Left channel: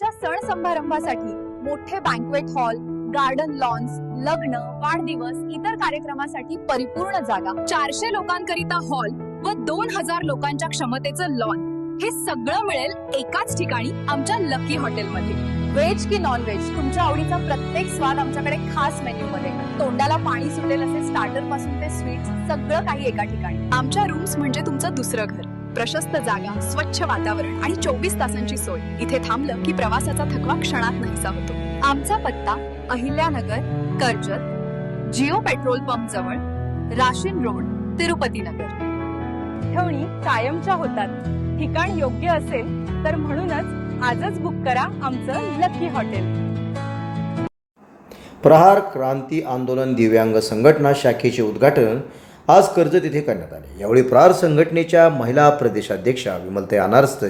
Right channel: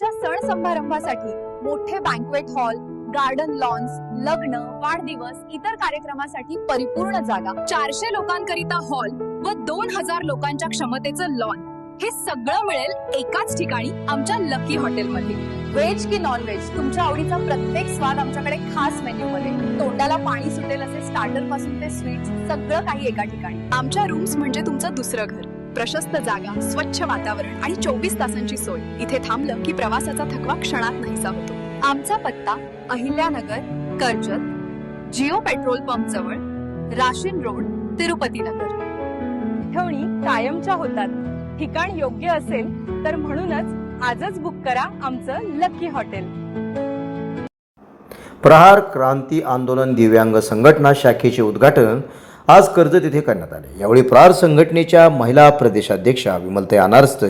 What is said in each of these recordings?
तुमच्या सण समारंभासाठी मोठे बँकवेट हॉल गार्डन लॉन्स लग्न वाढदिवस इतर कार्यक्रमासाठी परिपूर्ण जागा. चारशे लोकांकरिता हॉल व दोन हजार लोकांच्या क्षमतेचं लॉन हे सगळं मिळेल एकाच ठिकाणी आमच्या लकी हॉटेलमध्ये व्हेज की नॉन व्हेज तुमच्या आवडीचा प्रत्येक स्वाद आमच्याकडे खास मेन्यू मध्ये तोंडाला पाणी सुटेल असे स्टार्टरपासून ते स्वीट सगळं काही एका ठिकाणी. आमच्या रूम्स म्हणजे तुमचं दुसरं घर. प्रशस्त जागा स्वच्छ वातावरण आणि चोवीस तासांची सोय. इथे थांबलं की प्रवासाचा थकवा क्षणात नाहीसा होतो. आमचा पत्ता Ahilyanagar Karjat Jio petrol pump जवळ राशीन रोड तिरुपती नगर. ठेवणी कायमच्या होतात. ठिकाण योग्य असेल तर म्हणूनच आजच बुक करा आमचं लकी हॉटेल. प्रहार क्रांती आंदोलन दिव्यांग संघटना शाखेचे उद्घाटन आज कर्जत येथे करण्यात आले. यावेळी प्रार संघटनेच्या महिला प्रदेशाध्यक्षा विमलताई अनारस्त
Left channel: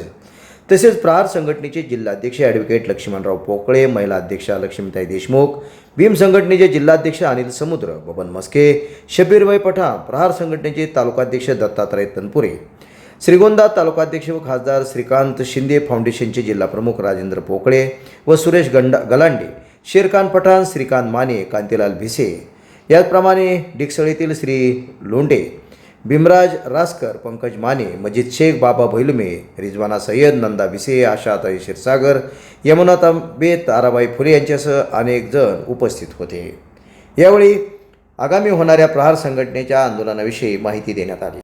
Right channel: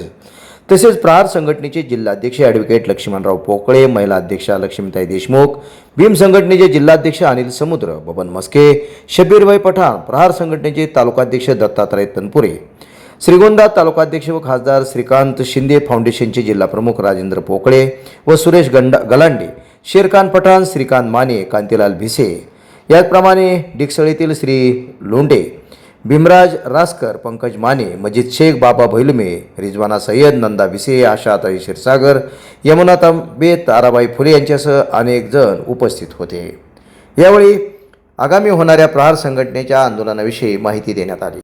तसेच प्रार संघटनेचे जिल्हाध्यक्ष ॲडव्होकेट लक्ष्मणराव पोकळे महिला अध्यक्षा लक्ष्मीताई देशमुख भीम संघटनेचे जिल्हाध्यक्ष अनिल समुद्र बबन मस्के शबीरभाई पठाण प्रहार संघटनेचे तालुकाध्यक्ष दत्तात्रय तनपुरे श्रीगोंदा तालुकाध्यक्ष व खासदार श्रीकांत शिंदे फाउंडेशनचे जिल्हाप्रमुख राजेंद्र पोकळे व सुरेश गंडा गलांडे शेरखान पठाण श्रीकांत माने कांतीलाल भिसे याचप्रमाणे डिकसळीतील श्री लोंडे भीमराज रासकर पंकज माने मजिद शेख बाबा भैलुमे रिजवाना सय्यद नंदा विसे आशाताई क्षीरसागर यमुना तांबे ताराबाई फुले यांच्यासह अनेक जण उपस्थित होते. यावेळी आगामी होणाऱ्या प्रहार संघटनेच्या आंदोलनाविषयी माहिती देण्यात आली.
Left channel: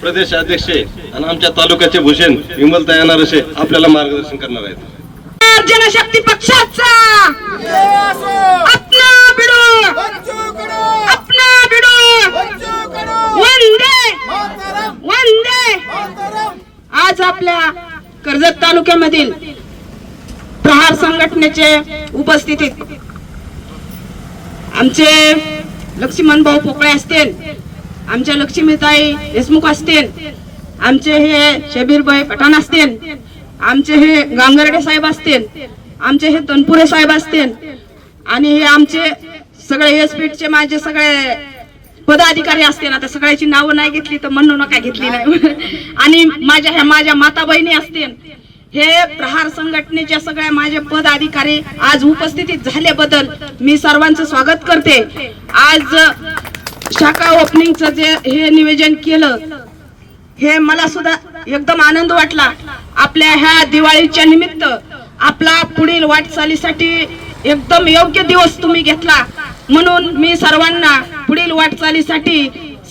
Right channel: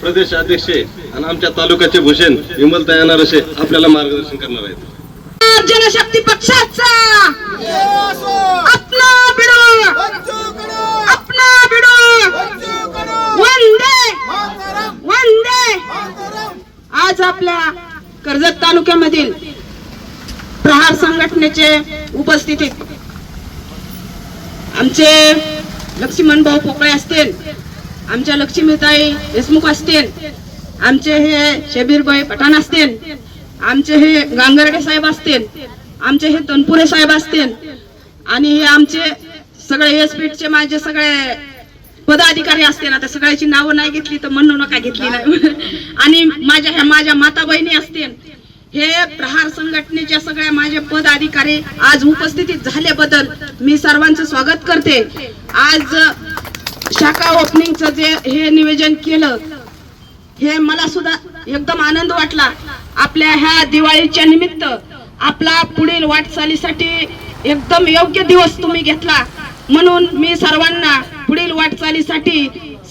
प्रदेश अध्यक्ष आणि आमच्या तालुक्याचे भूषण विमलता येणार असे आपल्याला मार्गदर्शन करणार आहेत. जनशक्ती पक्षाचा. अपना बिडो. अपना बिडो. वंदे. वंदे. आज आपल्या कर्जत तालुक्यामधील प्रहार संघटनेचे उपस्थितीत आमचे लक्ष्मण भाऊ पोकळे असतील आमच्या लक्ष्मीताई देशमुख असतील आमचे हे शबीरभाई पठाण असतील आमचे हे गांगरडे साहेब असतील आमचे हे तनपुरे साहेब असतील आणि हे आमचे सगळे हे स्पीडचे माझे सगळे पदाधिकारी असतील. आता सगळ्याची नावं नाही घेतली तर म्हणू नका घेतली नाही. आणि माझ्या ह्या माझ्या माता बहिणी असतील हे प्रहार संघटनेच्या सगळ्या माझे पदाधिकारी आज उपस्थितीत झाल्याबद्दल मी सर्वांचं स्वागत करते. आज शाखा ओपनिंगचं जे हे नियोजन केलं हे मला सुद्धा एकदम आनंद वाटला. आपल्या ह्या दिवाळीच्या निमित्त आपला पुढील वाटचालीसाठी एकदम योग्य दिवस तुम्ही घेतला. म्हणून मी सर्वांना पुढील वाटचालीसाठी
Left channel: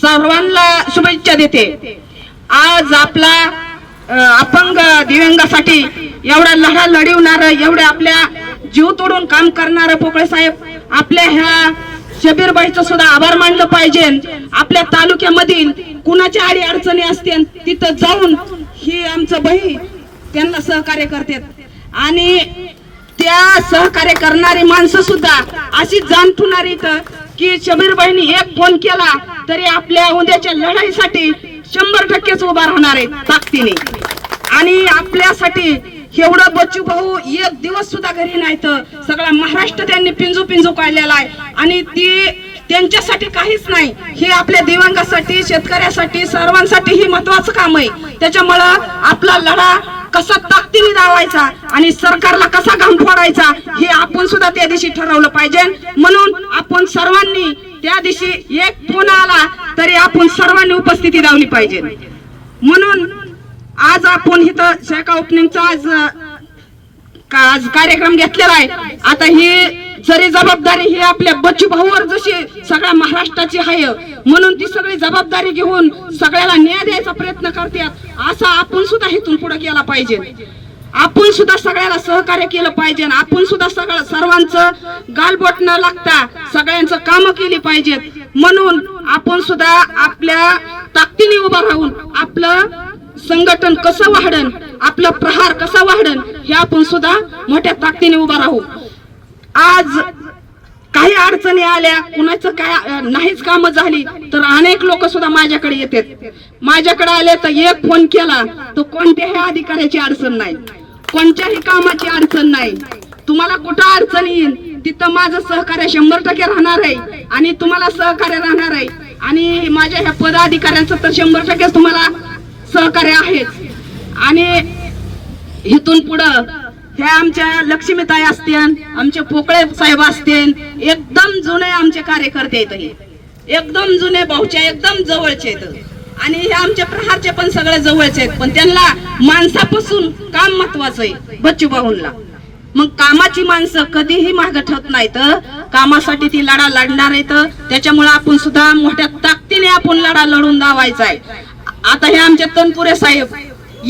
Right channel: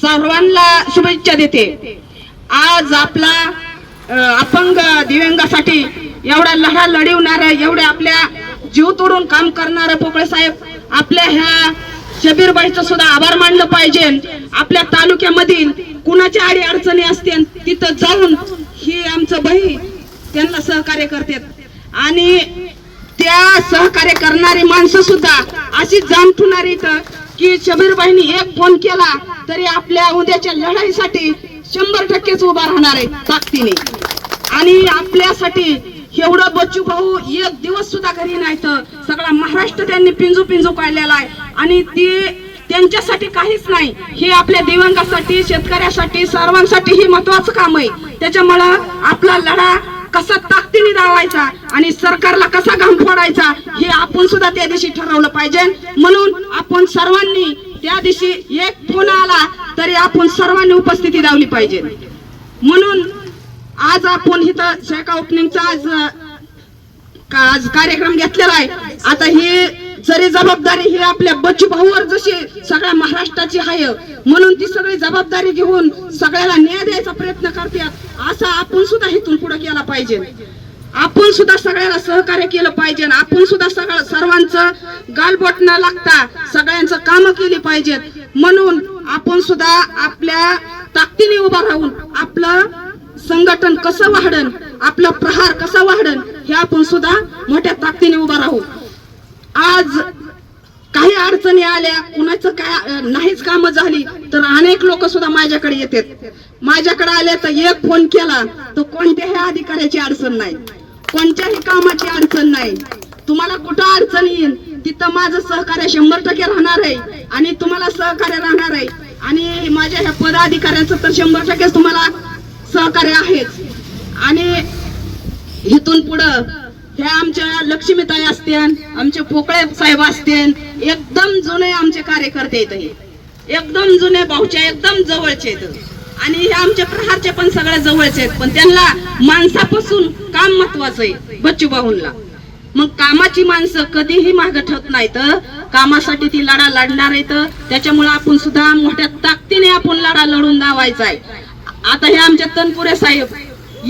सर्वांना शुभेच्छा देते. आज आपला अपंग दिव्यांगासाठी एवढा लढा लढवणार एवढे आपल्या जीव तोडून काम करणार पोकळे साहेब आपल्या ह्या शबीरबाईचं सुद्धा आभार मानलं पाहिजे. आपल्या तालुक्यामधील कुणाच्या अडी अडचणी असतील तिथं जाऊन ही आमचं बही त्यांना सहकार्य करतात. आणि त्या सहकार्य करणारी माणसं सुद्धा अशी जाण ठेवणारी इथं की शबीरबाईंनी एक फोन केला तरी आपल्या उद्याच्या लढाईसाठी शंभर टक्केच उभा राहणार आहे ताकदीने. आणि आपल्यासाठी एवढं बच्चू भाऊ एक दिवस सुद्धा घरी नाही तर सगळा महाराष्ट्र त्यांनी पिंजू पिंजू काढलेला आहे. आणि ती त्यांच्यासाठी काहीच नाही. हे आपल्या दिव्यांगासाठी शेतकऱ्यासाठी सर्वांसाठी ही महत्वाचं काम आहे. त्याच्यामुळं आपला लढा कसा ताकदीने धावायचा आणि सरकारला कसा घाम फोडायचा हे आपण सुद्धा त्या दिवशी ठरवलं पाहिजे. म्हणून आपण सर्वांनी त्या दिवशी एक फोन आला तरी आपण सर्वांनी उपस्थिती लावली पाहिजे. म्हणून आज आपण इथं शाखा ओपनिंगचा आज का- आज कार्यक्रम घेतलेला आहे. आता ही जरी जबाबदारी ही आपल्या बच्चू भाऊवर जशी सगळ्या महाराष्ट्राची आहे म्हणून ती सगळी जबाबदारी घेऊन सगळ्याला न्याय द्यायचा प्रयत्न करतात असा आपण सुद्धा इथून पुढे केला पाहिजे. आपण सुद्धा सगळ्याला सहकार्य केलं पाहिजे. आपण सुद्धा सगळं सर्वांचं गालबोट न लागता सगळ्यांचं काम केली पाहिजेत. म्हणून आपण सुद्धा आपल्या ताकदीने उभा राहून आपलं संघटन कसं वाढन आपलं प्रहार कसा वाढन हे आपण सुद्धा मोठ्या ताकदीने उभा राहू. आज काही अडचणी आल्या कुणाचं काय नाहीच कामं झाली तर अनेक लोक सुद्धा माझ्याकडे येतात. माझ्याकडे आले तर एक फोन केला तर कोणत्याही अधिकाऱ्याची अडचण नाही. कोणत्याही कामाची अडचण नाही. तुम्हाला कुठं अडचण येईल तिथं माझं सहकार्य शंभर टक्के राहणार आहे आणि तुम्हाला सहकार्य राहणार आहे. आणि माझ्या ह्या पदाधिकाऱ्यांचं तर शंभर टक्के तुम्हाला सहकार्य आहेच. आणि इथून पुढं ह्या आमच्या लक्ष्मीताई असतील आमचे पोकळे साहेब असतील एकदम जुने आमचे कार्यकर्ते आहेत हे. एकदम जुने भाऊच्या एकदम जवळचे आहेत आणि हे आमचे प्रहारचे पण सगळे जवळचे आहेत. पण त्यांना माणसापासून काम महत्वाचं आहे बच्चू भाऊंना मग कामाची माणसं कधीही मागे ठेवत नाहीत. कामासाठी ती लढा लढणार आहेत. त्याच्यामुळे आपण सुद्धा मोठ्या ताकदीने आपण लढा लढून दावायचा आहे. आता हे आमचे तनपुरे साहेब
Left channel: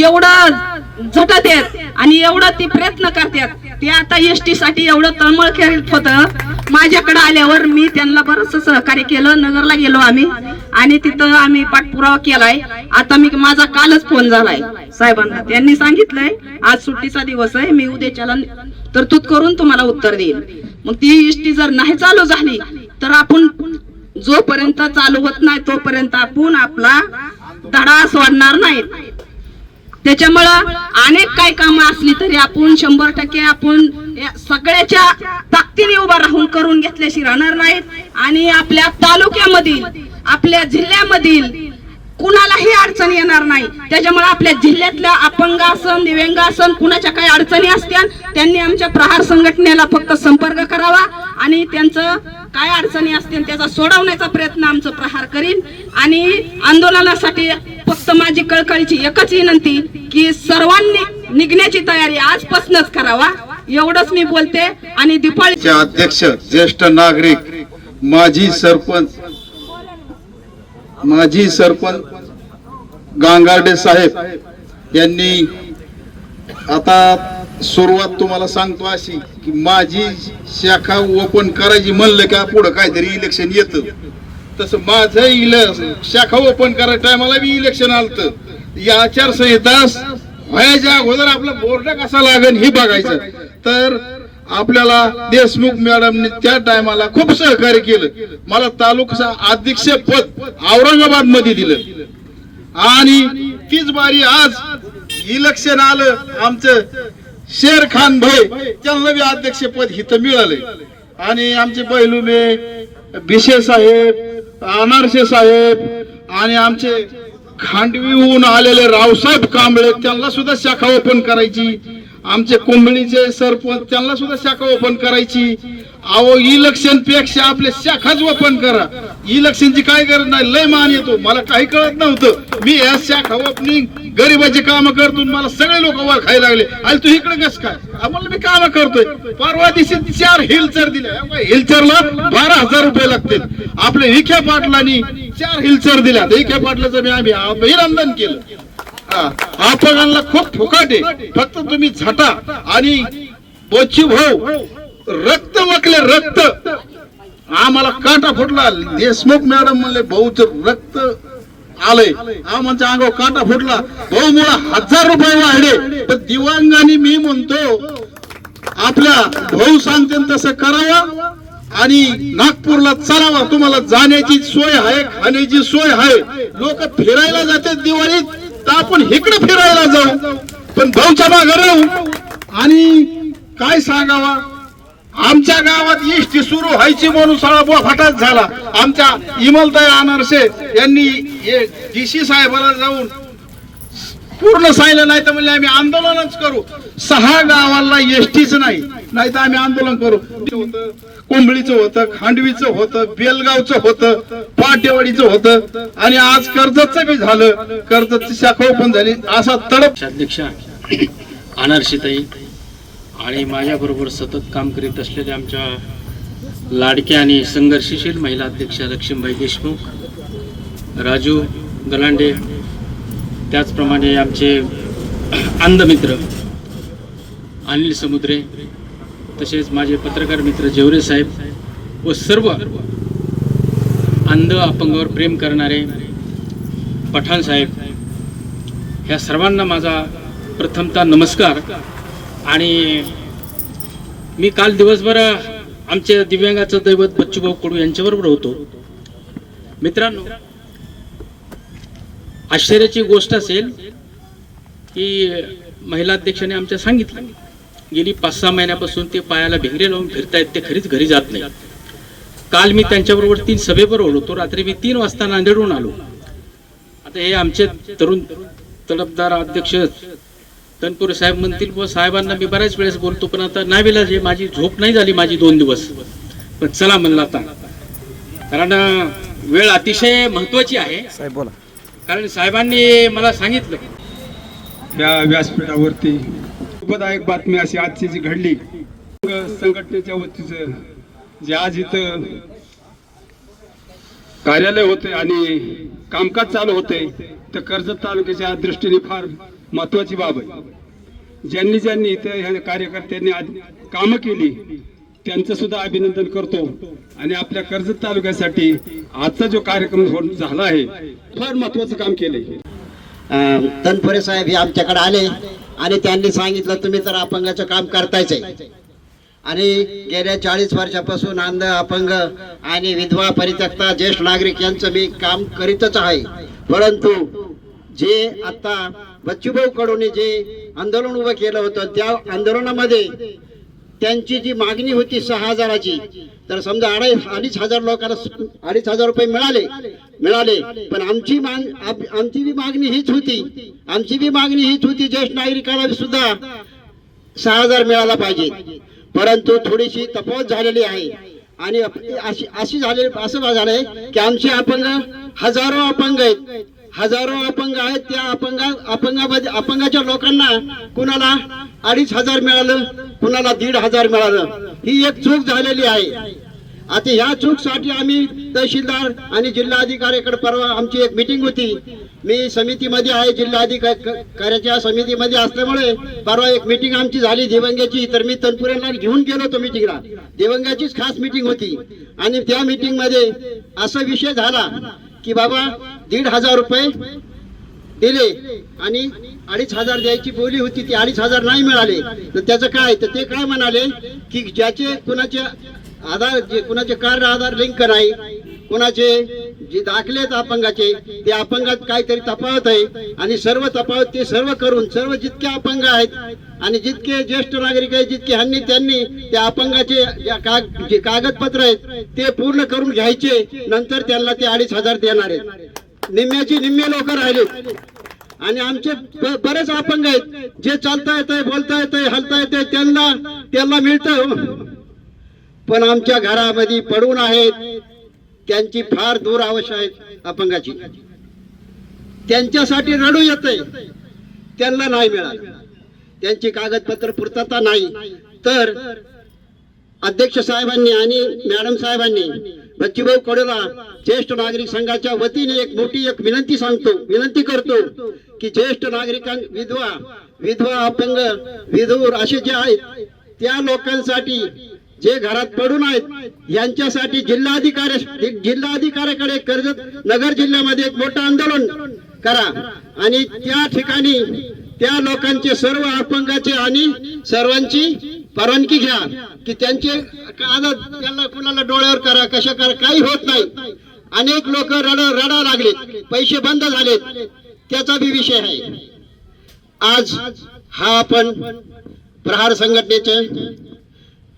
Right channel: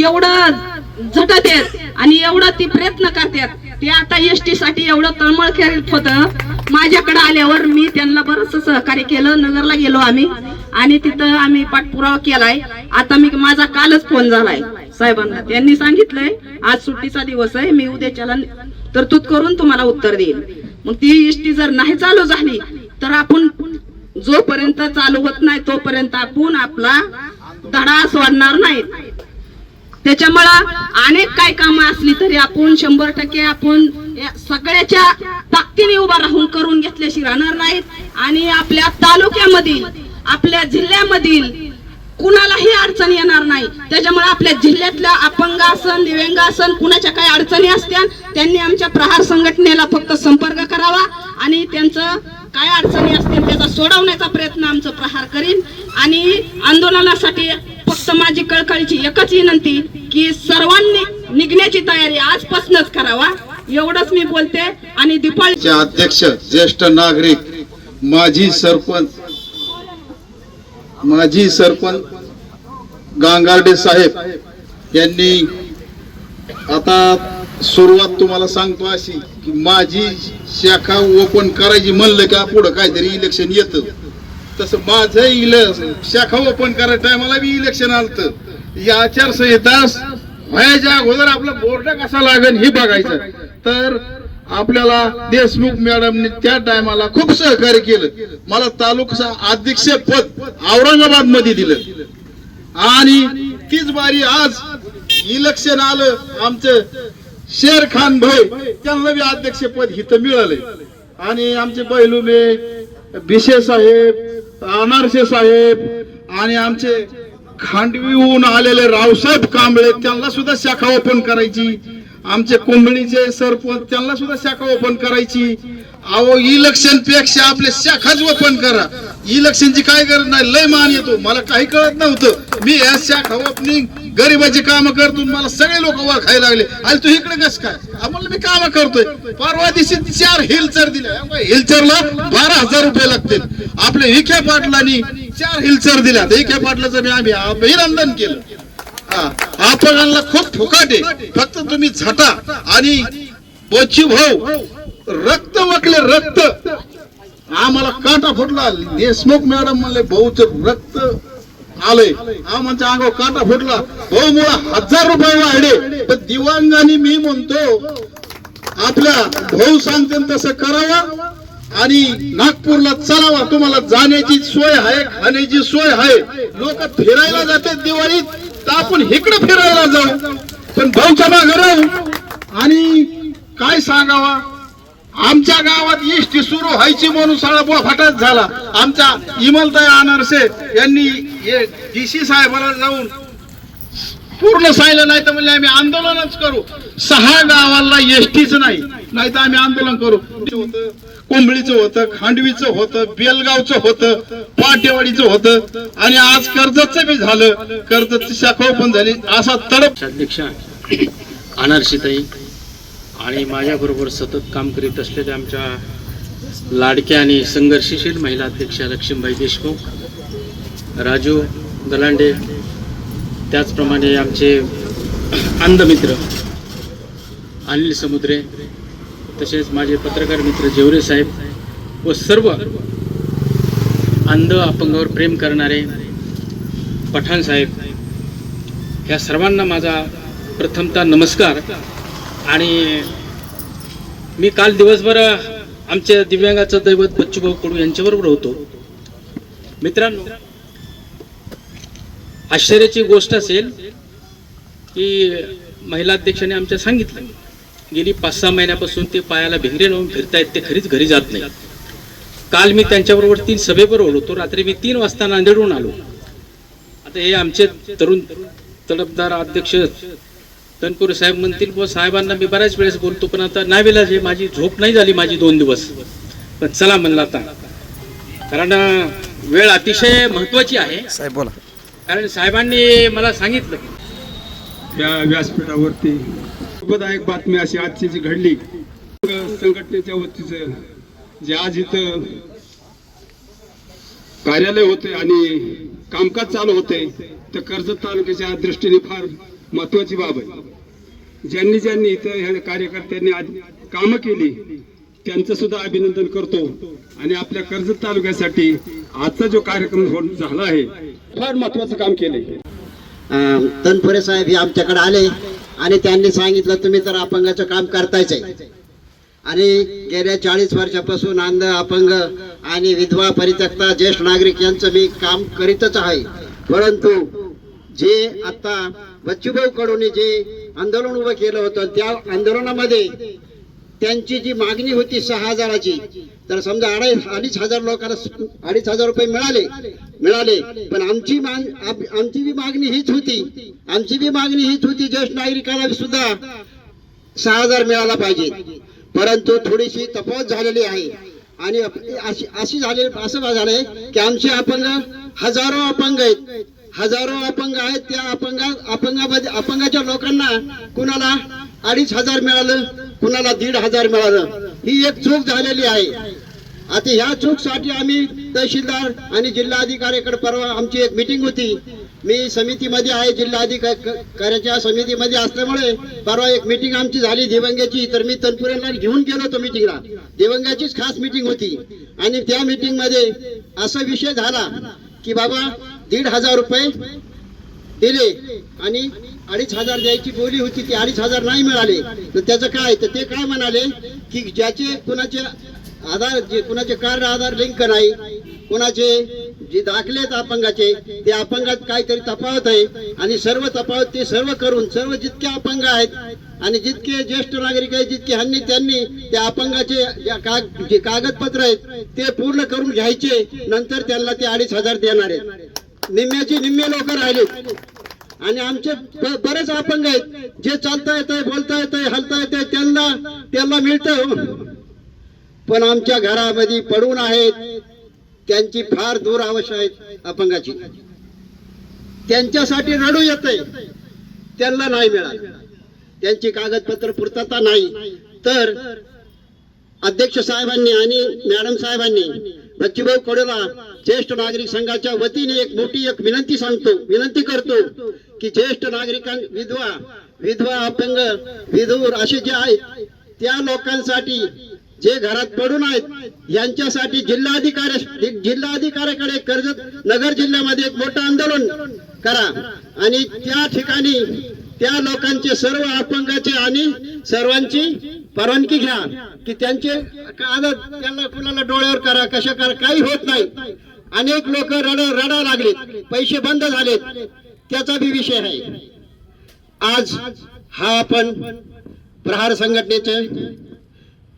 एवढं झटत आहेत. आणि एवढं ती प्रयत्न करतात. ते आता एस टी साठी एवढं तळमळ खेळत होत. माझ्याकडे आल्यावर मी त्यांना बरंच सहकार्य केलं. नगरला गेलो आम्ही. आणि तिथं आम्ही पाठपुरावा केलाय. आता मी माझा कालच फोन झालाय. साहेबांना. त्यांनी सांगितलंय आज सुट्टीचा दिवस आहे. मी उद्याच्याला तरतूद करून तुम्हाला उत्तर देईल मग ती एस टी जर नाही चालू झाली तर आपण जोपर्यंत चालू होत नाही तोपर्यंत आपण आपला धडा सोडणार नाही. त्याच्यामुळं अनेक काही कामं असली तरी आपण शंभर टक्के आपण या सगळ्याच्या ताकदीने उभा राहून करून घेतल्याशी राहणार नाहीत आणि आपल्या तालुक्यामधील आपल्या जिल्ह्यामधील कुणालाही अडचण येणार नाही. त्याच्यामुळे आपल्या जिल्ह्यातल्या अपंग असन असन कुणाच्या काही अडचणी असत्या त्यांनी आमच्या प्रहार संघटनेला फक्त संपर्क करावा आणि त्यांचं काय अडचणी असतील त्याचा सोडवण्याचा प्रयत्न आमचं प्रहार करीन. आणि आंदोलनासाठी फक्त कळकळीची एकच विनंती की सर्वांनी निघण्याची तयारी आजपासूनच करावा. एवढंच मी बोलते आणि दिपाळी अध्यक्ष ज्येष्ठ नागरिक माजी सरपंच माजी सरपंच गांगार्डे साहेब यांनी आता सुरुवात तुम्हाला सांगतो अशी की माझी शाखा ओपन करायची म्हणलं का पुढं काहीतरी इलेक्शन येतं. तसं माझं इल शाखा ओपन करायच्या टायमाला बी इलेक्शन आलत. या आचारसंहिता व्हायच्या अगोदर आपला बोर्ड कसा लागेल हे बघायचं. तर आपल्याला देशमुख मॅडमने त्या टायमाला खूप सहकार्य केलं. मला तालुका अध्यक्ष पद औरंगाबादमध्ये दिलं. आणि तीच बारी आज इलेक्शन आलं आमचं शेर खान भाई त्यांना बी अध्यक्षपद हिथं मिळालंय. आणि आमचे पैलुमे भिशे साहेब अनारसे साहेब आणि आमचे खांडवीहून आलेले रावसाहेब कांबळे त्यांना सुद्धा शाखा ओपन करायची. आमचे कुंभळीचे सरपंच त्यांना सुद्धा शाखा ओपन करायची. अहो इलेक्शनपेक्षा आपले शाखाच ओपन करा. इलेक्शनची काय गरज नाही लय मान येतो. मला काही कळत नव्हतं. मी या शाखा ओपनिंग गरिबाची काम करतो मला सगळे लोक वर खायला लागले. आणि तू इकडे कस काय? आम्हाला मी काम करतोय. परवा दिवशी चार हिलचर दिले हिलचरला बारा हजार रुपये लागतील. आपल्या विखे पाटलांनी चार हिलचर दिल्या. विखे पाटलाचं मी आम्ही अभिनंदन केलं. हा, खूप फुकाटे फक्त तुम्ही झटा आणि बोची भाऊ रक्त वकले रक्त. आम्हाला काटा फुटला. देशमुख मॅडम म्हणले भाऊच रक्त आलंय. आमच्या अंगावर काटा फुटला. भाऊ मला हजार रुपये वाढले. पण दिवांगाने मी म्हणतो आपला भाऊ सांगते तसं करावं आणि नागपूरला चलावा. तुम्हाला जाण्याची सोय आहे खाण्याची सोय आहे. लोक फिरायला जाते दिवाळीत तर आपण इकडे फिरायला जाऊ. पण भाऊच्या मागे राहू. आणि काय सांगावा? आमच्या गावात इष्टी सुरू व्हायची म्हणून सगळा बोफाटाच झाला. आमच्या इमलताई अनारसे यांनी डीसी साहेबाला जाऊन पूर्ण सांगितलं नाही तर म्हणजे आम्ही आंदोलनच करू. सहा गावाला एसटीच नाही नाही तर आम्ही आंदोलन करू. होतं होतं खांडवीचं होतं बेलगावचं होतं पाटेवाडीचं होतं. आणि आज कर्जतचं बी झालं. कर्जतची शाखा पण झाली. असा तडप अध्यक्ष अनारशीताई आणि माझ्याबरोबर सतत काम करीत असलेल्या आमच्या लाडक्या आणि संघर्षशील महिला अध्यक्षा लक्ष्मीबाई देशमुख राजू गलांडे त्याचप्रमाणे आमचे अंधमित्र अनिल समुद्रे तसेच माझे पत्रकार मित्र जेवरे साहेब व सर्व अंध अपंगावर प्रेम करणारे पठाण साहेब ह्या सर्वांना माझा प्रथमतः नमस्कार. आणि मी काल दिवसभर आमच्या दिव्यांगाचं दैवत बच्चूभाऊ कडू यांच्याबरोबर होतो. मित्रांनो आश्चर्याची गोष्ट असेल की महिला अध्यक्षाने आमच्या सांगितलं गेली पाच सहा महिन्यापासून ते पायाला भिंगरे लावून फिरतायत ते खरीच घरी जात नाही काल मी त्यांच्याबरोबर तीन सभेबरोबर होतो रात्री मी तीन वाजता नांदेडहून आलो. आता हे आमचे तरुण तडफदार अध्यक्ष तनपुरे साहेब म्हणतील व साहेबांना मी बऱ्याच वेळेस बोलतो पण आता नाही वेळेला जे माझी झोप नाही झाली माझी दोन दिवस. पण चला म्हणलं आता. कारण वेळ अतिशय महत्वाची आहे. साहेब बोला. कारण साहेबांनी मला सांगितलं. या व्यासपीठावरती दुःखदायक बातमी अशी आजची जी घडली संघटनेच्या वतीचं जे आज इथं कार्यालय होते आणि कामकाज चालू होते तर कर्जत तालुक्याच्या दृष्टीने फार महत्वाची बाब आहे. ज्यांनी ज्यांनी इथं ह्या कार्यकर्त्यांनी आज कामं केली त्यांचं सुद्धा अभिनंदन करतो. आणि आपल्या कर्जत तालुक्यासाठी आजचा जो कार्यक्रम हो-, झाला आहे फार महत्वाचं काम केलंय. तनपुरे साहेब हे आमच्याकडे आले आणि त्यांनी सांगितलं तुम्ही तर अपंगाचं काम करतायच आहे. आणि गेल्या चाळीस वर्षापासून अंध अपंग आणि विधवा परित्यक्ता ज्येष्ठ नागरिक यांचं मी काम करीतच आहे. परंतु जे आता बच्चूभाऊ कडून जे आंदोलन उभं केलं होतं त्या आंदोलनामध्ये त्यांची जी मागणी होती सहा हजाराची तर समजा अडीच अडीच हजार लोकांना अडीच हजार रुपये मिळाले मिळाले पण आमची माग आप- आमची बी मागणी हीच होती. आमची बी मागणी हीच होती ज्येष्ठ नागरिकाला सुद्धा सहा हजार मिळाला पाहिजे परंतु थोडीशी तपवत झालेली आहे. आणि अशी अशी झाले असं झालंय की आमचे अपंग हजारो अपंग आहेत. हजारो अपंग आहेत त्या अपंगा अपंगामध्ये अपंगाच्या लोकांना कुणाला अडीच हजार मिळालं कुणाला दीड हजार मिळालं. ही एक चूक झालेली आहे. आता ह्या चूकसाठी आम्ही तहसीलदार आणि जिल्हाधिकाऱ्याकडे परवा आमची एक मिटिंग होती. मी समितीमध्ये आहे जिल्हाधिकाऱ्याच्या समितीमध्ये असल्यामुळे परवा एक मिटिंग आमची झाली दिवंग्याची. तर मी तनपुऱ्यांना घेऊन गेलो होतो मिटिंगला. दिवंग्याचीच खास मिटिंग होती. आणि त्या मिटिंगमध्ये असा विषय झाला की बाबा दीड हजार रुपये दिले आणि अडीच हजार द्यायची बोली होती ती अडीच हजार नाही मिळाले. तर त्याचं काय तर ते काय म्हणाले की ज्याचे कुणाचे आधार जे कुणाचे कार्ड आधार लिंक नाही कुणाचे? जे दाखले आहेत अपंगाचे ते अपंगात काहीतरी तफावत आहे आणि सर्व तफावत ते सर्व करून सर्व जितके अपंग आहेत आणि जितके ज्येष्ठ नागरिक आहेत जितके ह्यांनी त्यांनी त्या अपंगाचे जे कागदपत्र आहेत ते पूर्ण करून घ्यायचे नंतर त्यांना ते अडीच हजार देणार आहेत. निम्म्याची निम्मे लोक राहिलेत. आणि आमचे बरेच अपंग आहेत जे चालता येत आहे बोलता येत आहे हलता येत त्यांना त्यांना मिळतं हो. पण आमच्या घरामध्ये पडून आहेत त्यांची फार दूर आवश्यक आहे अपंगाची. त्यांच्यासाठी रडू येत त्यांना नाही मिळाल. त्यांची कागदपत्र पूर्तता नाही. तर अध्यक्ष साहेबांनी आणि मॅडम साहेबांनी बच्चूभाऊ कडोला ज्येष्ठ नागरिक संघाच्या वतीने एक मोठी एक विनंती सांगतो विनंती करतो की ज्येष्ठ नागरिकां विधवा विधवा अपंग विधूर असे जे आहेत त्या लोकांसाठी जे घरात पडून आहेत यांच्यासाठी जिल्हाधिकारी जिल्हाधिकाऱ्याकडे कर्जत नगर जिल्ह्यामध्ये एक मोठं आंदोलन करा. आणि त्या ठिकाणी त्या लोकांचे सर्व अपंगाचे आणि सर्वांची परवानगी घ्या की त्यांचे आदत त्यांना कुणाला डोळ्यावर करा कशा करा काही होत नाही. अनेक लोक रड रडा लागलेत पैसे बंद झालेत. त्याचा बी विषय आहे. आज हा आपण प्रहार संघटनेचे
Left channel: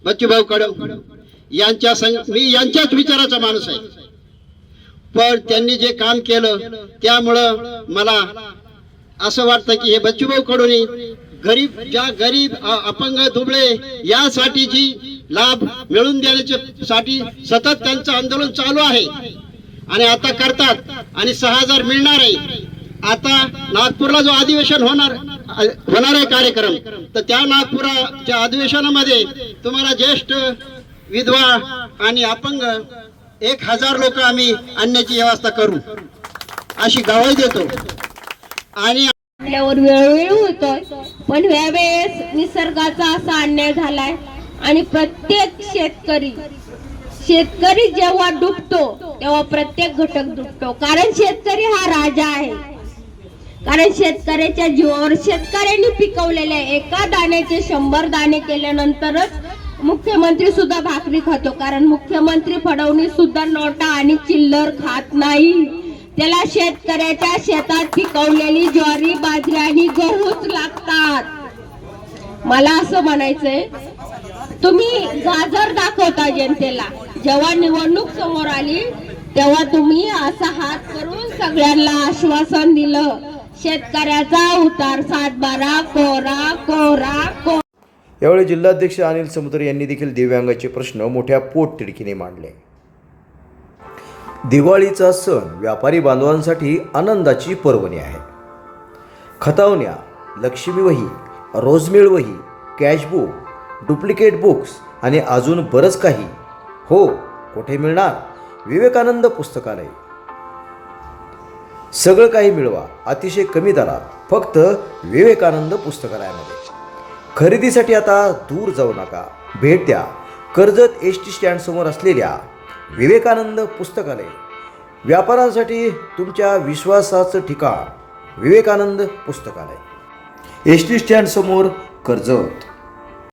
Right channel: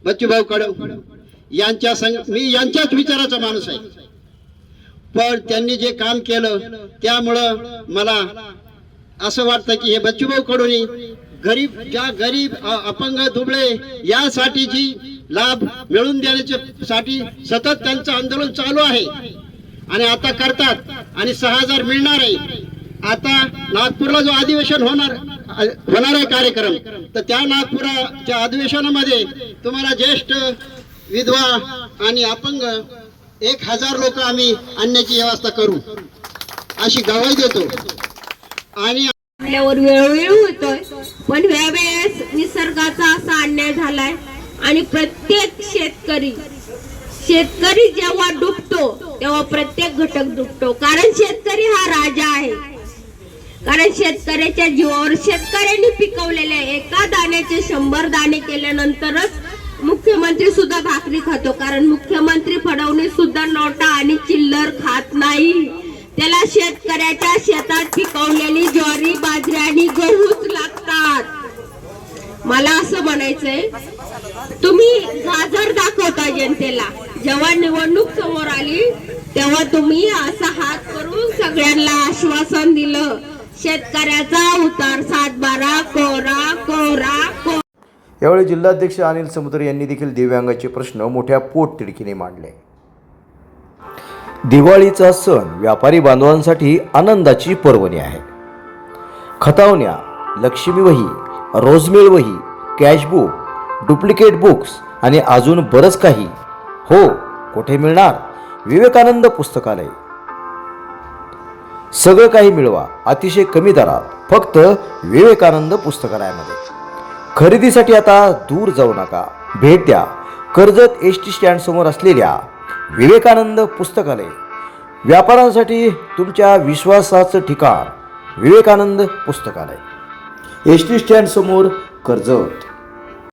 बच्चूभाऊ कडव यांच्या संग मी यांच्याच विचाराचा माणूस आहे. पण त्यांनी जे काम केलं त्यामुळं मला असं वाटतं की हे बच्चूभाऊ कडून गरीब ज्या गरीब अपंग दुबळे यासाठी जी लाभ मिळून देण्याच्या साठी सतत त्यांचं आंदोलन चालू आहे. आणि आता करतात आणि सहा हजार मिळणार आहे. आता नागपूरला जो अधिवेशन होणार होणार आहे कार्यक्रम तर त्या नागपुराच्या अधिवेशनामध्ये तुम्हाला ज्येष्ठ विधवा आणि अपंग एक हजार लोक आम्ही आणण्याची व्यवस्था करू अशी गवाही देतो. आणि आपल्यावर वेळोवेळी होतोय पण यावेळेस निसर्गाचा असा अन्याय झालाय आणि प्रत्येक शेतकरी शेतकरी जेव्हा डुबतो तेव्हा प्रत्येक घटक डुबतो. कारण शेतकरी हा राजा आहे. कारण शेतकऱ्याच्या जीवावर शेतकऱ्यांनी पिकवलेल्या एका दाण्याचे शंभर दाणे केल्यानंतरच मुख्यमंत्री सुद्धा भाकरी खातो. कारण मुख्यमंत्री फडवणी सुद्धा नोटा आणि चिल्लर खात नाही. त्याला शेतकऱ्याच्या शेतात पिकवलेली ज्वारी बाजरी आणि गहूच लागतात. मला असं म्हणायचंय तुम्ही गाजर दाखवता जनतेला. जेव्हा निवडणूक समोर आली तेव्हा तुम्ही असा हात करून सगळ्यांना आश्वासन दिलं. शेतकऱ्याचा उतार सातबारा कोरा कोरा को यावेळी जिल्हाध्यक्ष अनिल समुद्र यांनी देखील दिव्यांगाचे प्रश्न मोठ्या पोटतिडकीने मांडले. दिवाळीचा सण व्यापारी बांधवांसाठी आनंदाची पर्वणी आहे. खतावण्या लक्ष्मी वही रोजमेळ वही कॅशबुक डुप्लिकेट बुक्स आणि अजून बरंच काही. हो कुठे मिळणार? विवेकानंद पुस्तकालय. सगळं काही मिळवा अतिशय कमी दरात फक्त विवेकानंद पुस्तकालयामध्ये. खरेदीसाठी आता दूर जाऊ नका. भेट द्या. कर्जत एस टी स्टँड समोर असलेल्या विवेकानंद पुस्तकालय. व्यापारासाठी तुमच्या विश्वासाचं ठिकाण विवेकानंद पुस्तकालय. एस टी स्टँड समोर कर्जत.